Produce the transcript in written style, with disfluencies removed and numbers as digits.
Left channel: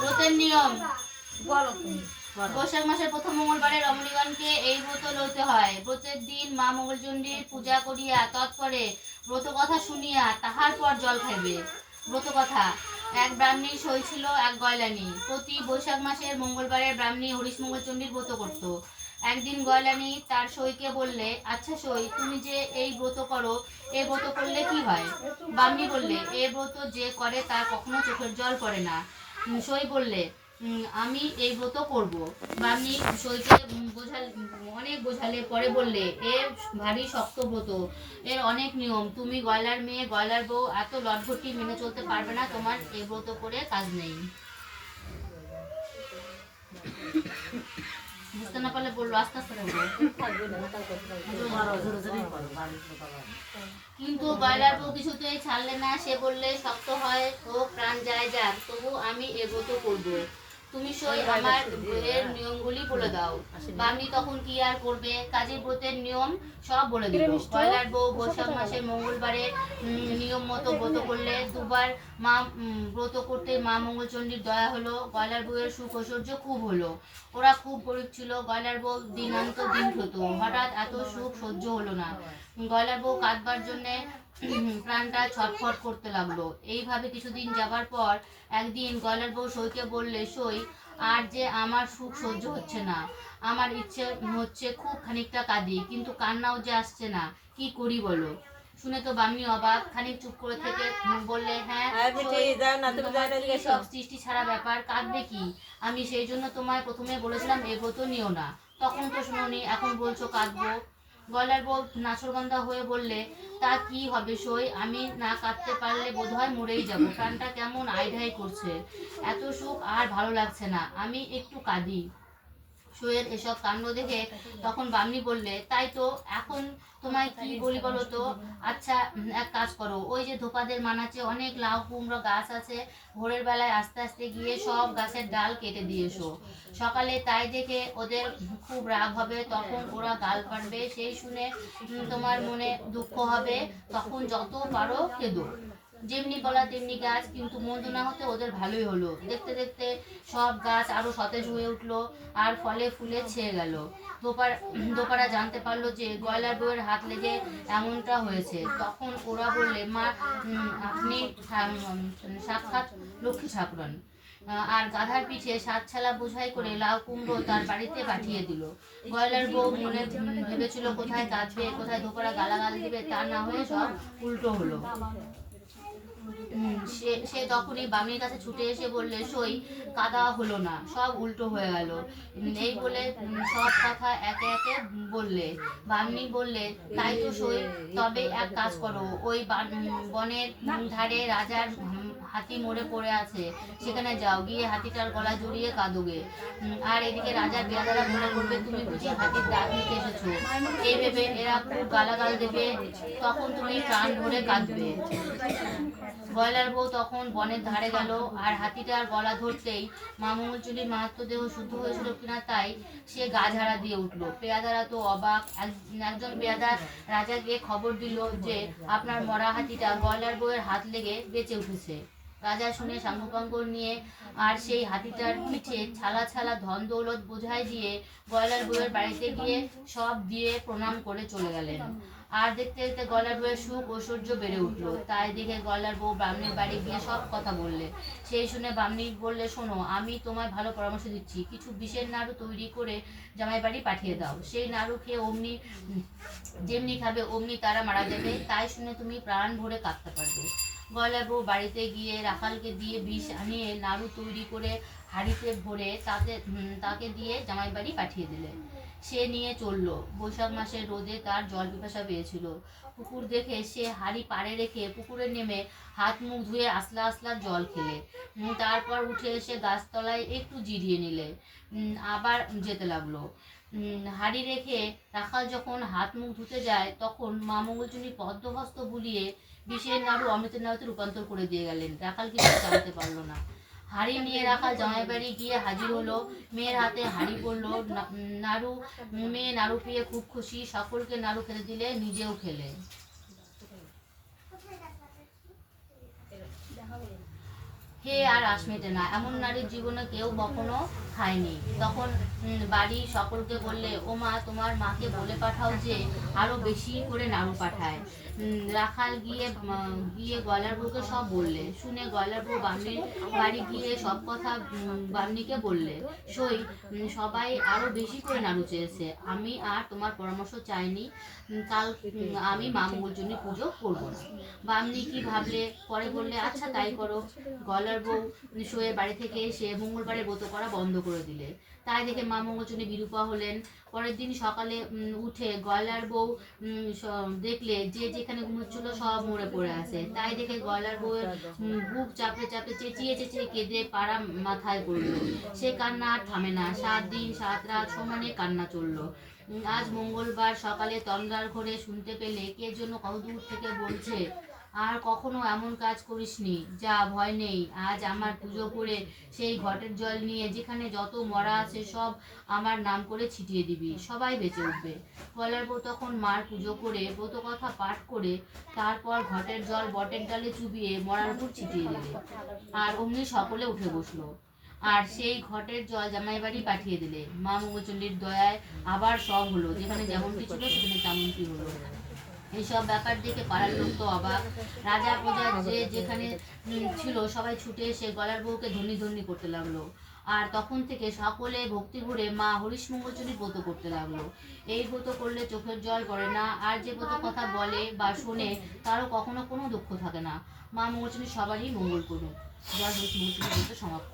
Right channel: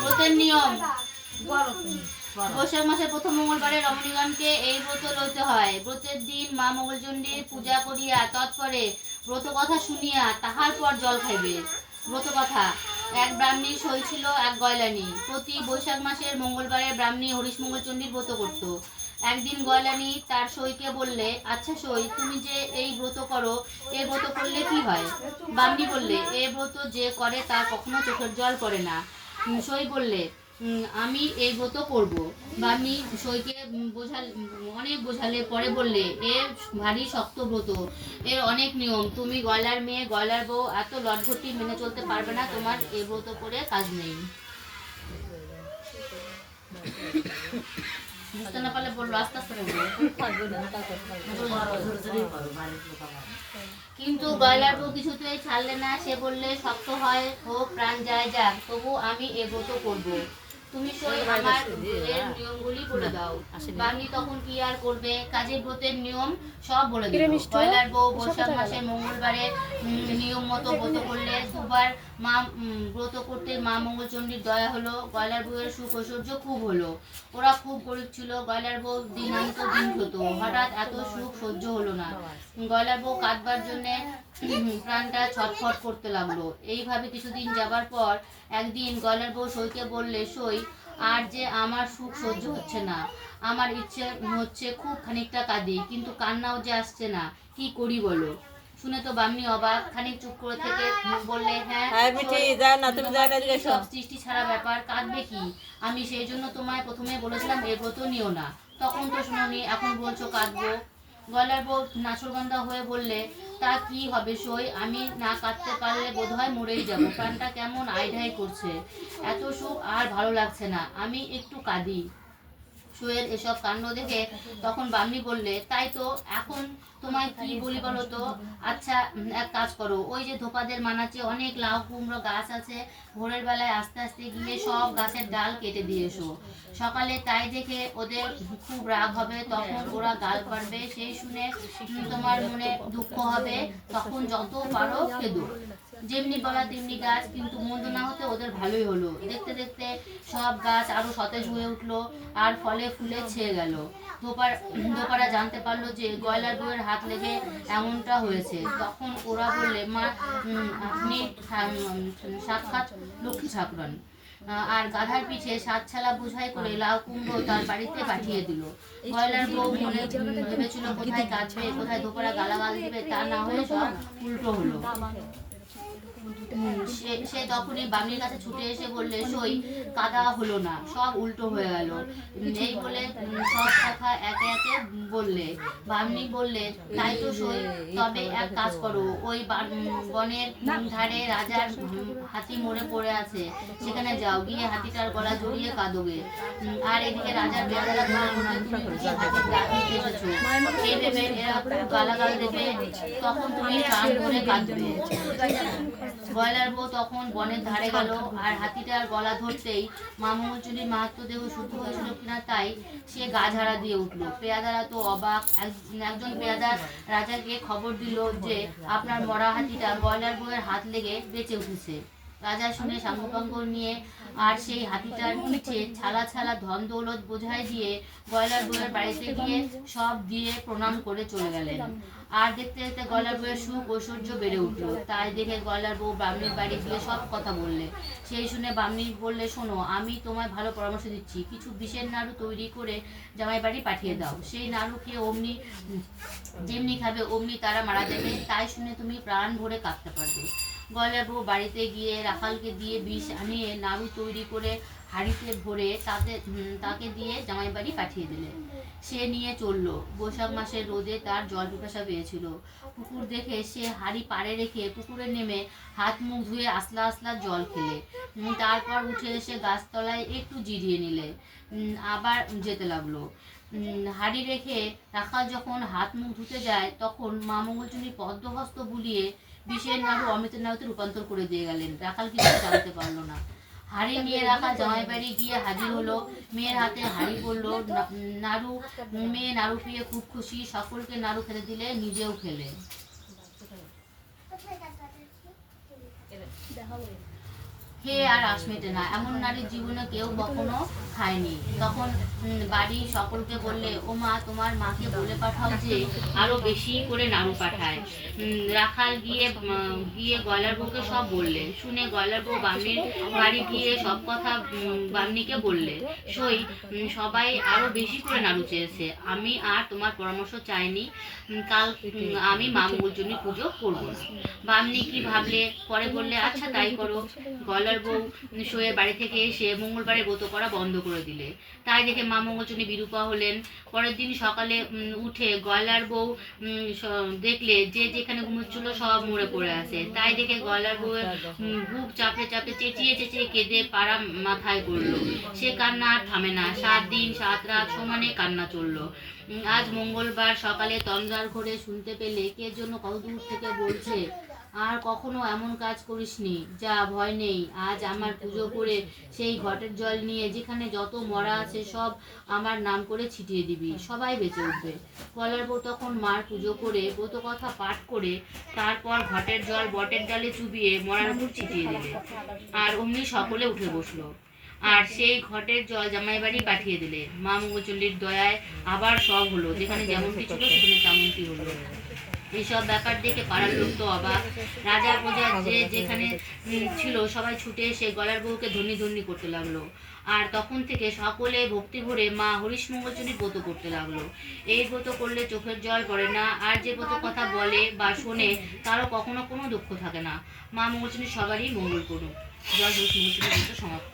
ব্রতের নিয়ম। বৈশাখ মাসের প্রথম মঙ্গলবারে রমণীগণকে এই ব্রত লইতে হয়। ব্রতের দিন মা মঙ্গলচণ্ডীর পূজা করিয়া তৎপরে ব্রত কথা শুনিয়া তাহার পর জল খাইবে। ব্রত কথা। এক ব্রাহ্মণী সই ছিল এক গয়লানি। প্রতি বৈশাখ মাসের মঙ্গলবারে ব্রাহ্মণী হরিশ মঙ্গলচণ্ডীর ব্রত করত। একদিন গয়লানি তার সইকে বললে, আচ্ছা সই, তুমি যে এই ব্রত করো, এ ব্রত করলে কি হয়? ব্রাহ্মণী বললে, এ ব্রত যে করে তার কখনো চোখের জল পড়ে না। সই বললে, আমি এই ব্রত করব। ব্রাহ্মণী সইকে অনেক বোঝালে পরে বললে, এ ভারী শক্ত ব্রত, এর অনেক নিয়ম, তুমি গয়লার মেয়ে, গয়লার বউ, এত লটঘটি মেনে চলতে পারবে না, তোমার এই ব্রত করে কাজ নেই। বুঝতে না পারলে বললো, আস্তে আস্তে কিন্তু গয়লার বউ কিছুতেই ছাড়লে না। সে বললে, শক্ত হয় হোক, প্রাণ যায় যাক, তবু আমি এ ব্রত করবো। তুমি সই আমার ব্রতের নিয়মগুলি বলে দাও। ব্রাহ্মণী তখন কি আর করবে, কাজে ব্রতের নিয়ম সব বলে দিল। গয়লার বউ বৈশাখ মাসের মঙ্গলবারে নিয়ম মতো ব্রত করলে। দুবার মা ব্রত করতে মা মঙ্গলচণ্ডীর দয়া হলো। গয়লার বউয়ের সুখ ঐশ্বর্য খুব হলো। ওরা খুব গরিব ছিল। গয়লার বউ দিনান্ত দিন হতো। হঠাৎ এত সুখ সহ্য হলো না। গয়লার বউ কাঁদবার জন্যে প্রাণটা ছটফট করতে লাগলো। এইভাবে কিছুদিন যাবার পর একদিন গয়লার বউ সইকে বললে, সই, আর যে আমার সুখ সহ্য হচ্ছে না, আমার ইচ্ছে হচ্ছে খুব খানিকটা কাঁদি, কিন্তু কান্নাও যে আসছে না, কি করি বলো? শুনে তো বামনি অবাক। খানিক চুপ করে থেকে বললে, হ্যাঁ সব সৃষ্টি ছাড়া ব্যাপার, কাঁদবে কি? আমি সেই জন্য তোমায় প্রথমে বলেছিলাম এ ব্রত নিও না, তখন তো শুনোনি, এখন বলছো কাঁদবো। গয়লার বউ নাছোড়বান্দা হয়ে বললে, তা কি হবে সই, আমি না কাঁদতে পারলে বোধহয় মরেই যাব, প্রাণটা কেমন আইঢাই করছে, এত সুখ আর ভালো লাগছে না, আমি একটু কাঁদি। সইয়ের এসব কাণ্ড দেখে তখন বামনি বললে, তাই তো, এখন তোমায় কি বলি বলো তো? আচ্ছা, এক কাজ করো, ওই যে ধোপাদের মানাচে অনেক লাউ কুমড়ো গাছ আছে, ভোরের বেলায় আস্তে আস্তে গিয়ে সব গাছের ডাল কেটে দিয়ে এসো। সকালে তাই দেখে ওদের খুব রাগ হবে, তখন ওরা গাল পাড়বে, সেই শুনে তোমার মনে দুঃখ হবে, তখন যত পারো কেঁদো। যেমনি বলা তেমনি গাছ, কিন্তু মন্দ না হতে ওদের ভালোই হলো। দেখতে দেখতে সব গাছ আরো সতেজ হয়ে উঠলো আর ফলে ফুলে ছেয়ে গেল। ধোপারা জানতে পারলো যে গয়লার বউয়ের হাত লেগে এমনটা হয়েছে। তখন ওরা বললে, মা, আপনি সাক্ষাৎ লক্ষ্মী ঠাকুরান। আর গাধার পিঠে 7 ছালা বোঝাই করে লাউ কুমড়ো তার বাড়িতে পাঠিয়ে দিল। গয়লার বউ মনে ভেবেছিল কোথায় কাঁদবে, কোথায় ধোপারা গালাগাল দিবে, তা না হয়ে সব উল্টো হলো। সে তখনই বামনির কাছে ছুটে এসে বললে, সই, কাদা হলো না, সব উল্টো হয়ে গেল। এই বলে সব কথা একে একে বললে। বামনি বললে, তাই তো সই, তবে এক কাজ করো, ওই বনের ধারে রাজার হাতি মরে পড়ে আছে, সেখানে যাও, গিয়ে হাতিটার গলা জড়িয়ে কাঁদোগে। আর এদিকে রাজার পেয়াদারা মনে করবে তুমি বুঝি হাতির দাঁত নিতে এসেছো, এই ভেবে এরা খুব গালাগাল দেবে, তখন তুমি প্রাণ ধরে কাঁদবে। গয়লার বউ তখন বনের ধারে গেল, আর হাতিটার গলা ধরতেই মা মঙ্গলচণ্ডীর মাহাত্ম্য দেহ শুদ্ধ হয়েছিল কিনা তাই সে গা ঝাড়া দিয়ে উঠল। পেয়াদারা তো অবাক। একজন পেয়াদা রাজাকে খবর দিল যে আপনার মরা হাতিটা গয়লার বউয়ের হাত লেগে বেঁচে উঠেছে। রাজা শুনে সাঙ্গপাঙ্গ নিয়ে আর সেই হাতিটার পিঠে ছালা ছালা ধন দৌলত বোঝাই দিয়ে গয়লার বউয়ের বাড়িতে গিয়ে সব দিয়ে প্রণাম করে চলে গেলেন। আর দেখতে দেখতে গয়লার বউয়ের সুখ ঐশ্বর্য বেড়ে উঠলো। তাই দেখে গয়লার বউ ব্রাহ্মণীর বাড়ি গিয়ে সব কথা বললে। সেই শুনে ব্রাহ্মণী বললে, শোনো, আমি তোমায় ভালো পরামর্শ দিচ্ছি, কিছু বিষের নাড়ু তৈরি করে জামাই বাড়ি পাঠিয়ে দাও, সেই নাড়ু খেয়ে অমনি যেমনি খাবে অমনি তারা মারা যাবে, তাই শুনে তুমি প্রাণ ভরে কাঁদতে পারবে। গয়লার বউ বাড়িতে গিয়ে রাখালকে দিয়ে বিষ আনিয়ে নাড়ু তৈরি করে হাঁড়িতে ভরে তাকে দিয়ে জামাই বাড়ি পাঠিয়ে দিলে। সে নিয়ে চলল। বৈশাখ মাসের রোদে তার জল পিপাসা পেয়েছিল। পুকুর দেখে সে হাঁড়ি পাড়ে রেখে পুকুরে নেমে হাত মুখ ধুয়ে আসলা আসলা জল খেলে। তারপর উঠে এসে গাছতলায় একটু জিরিয়ে নিলে। আবার যেতে লাগলো। হাঁড়ি রেখে রাখাল যখন হাত মুখ ধুতে যায়, তখন মা মঙ্গলচণ্ডী পদ্মহস্ত বুলিয়ে বিষের নাড়ু অমৃতের নাড়ুতে রূপান্তর করে দিয়ে গেলেন। রাখাল কিছু জানতে পারলো না। হাঁড়ি নিয়ে রাখাল জামাই বাড়ি গিয়ে হাজির হলো। মেয়ের হাতে হাঁড়ি পড়লো নাড়ু। মেয়ে নাড়ু পেয়ে খুব খুশি, সকলকে নাড়ু খেতে দিলে, নিজেও খেলে। খেয়ে আর আশ মেটে না, এমন নারীর জীবনে কেউ কখনো খায়নি। তখন বাড়ির সকলকে বললে, ও মা, তোমার মাকে বলে পাঠাও যে আরো বেশি করে নাড়ু পাঠায়। রাখাল গিয়ে গয়লার বউকে সব বললে। শুনে গয়লার বউ বামনির বাড়ি গিয়ে সব কথা বামনিকে বললে। সই সবাই আরো বেশি করে নাড়ু চেয়েছে। আমি আর তোমার পরামর্শ চাইনি, কাল আমি মা মঙ্গলচণ্ডী পুজো করবো না। বামনি কি ভাবলে, পরে বললে, আচ্ছা তাই করো। গয়লার বউ সইয়ের বাড়ি থেকে এসে মঙ্গলবারে ব্রত করা বন্ধ করে দিলে। তাই দেখে মা মঙ্গলচণ্ডী বিরূপা হলেন। পরের দিন সকালে উঠে গয়লার বউ দেখলে যে যেখানে ঘুমোচ্ছিল সব মরে পড়ে আছে। তাই দেখে গয়লার বউয়ের বুক চাপড়ে চাপড়ে চেঁচিয়ে চেঁচিয়ে কেঁদে পাড়া মাথায় পড়লো। সে কান্না আর থামে না, 7 দিন 7 রাত সমানে কান্না চললো। আজ মঙ্গলবার সকালে তন্দ্রার ঘরে শুনতে পেলে কে যেন কত দূর থেকে বলছে, আর কখনো এমন কাজ করিসনি, যা ভয় নেই, আজ আমার পুজো করে সেই ঘটের জল নিয়ে যেখানে যত মরা আছে সব আমার নাম করে ছিটিয়ে দিবি, সবাই বেঁচে উঠবে। গয়লার বউ তখন মার পুজো করে ব্রত কথা পাঠ করে তারপর ঘটের জল বটের ডালে চুবিয়ে মরার উপর ছিটিয়ে দিলে। আর অমনি সকলে উঠে বসলো। আর সেই ঘটের জল জামাই বাড়ি পাঠিয়ে দিলে। মা মঙ্গলচণ্ডীর দয়ায় আবার সব হলো, যেখানে যেমনটি ছিল সেখানে তেমনটি হলো। এইসব ব্যাপার দেখে পাড়ার লোক তো অবাক। রাজা প্রজা যে যেখানে ছিল সবাই ছুটে এসে গলার বউকে ধন্যি ধন্যি করতে লাগলো। আর তখন থেকে সকলে ভক্তি ভরে মা হরিশ মঙ্গলচণ্ডীর ব্রত করতে লাগলো। এই ব্রত করলে চোখের জল পড়ে না, আর যে ব্রত কথা বলে বা শোনে তারও কখনো কোনো দুঃখ থাকে না। মা মঙ্গলচণ্ডী সবারই মঙ্গল করুন। জয় হরিশ মঙ্গলচণ্ডী ব্রত সমাপ্ত।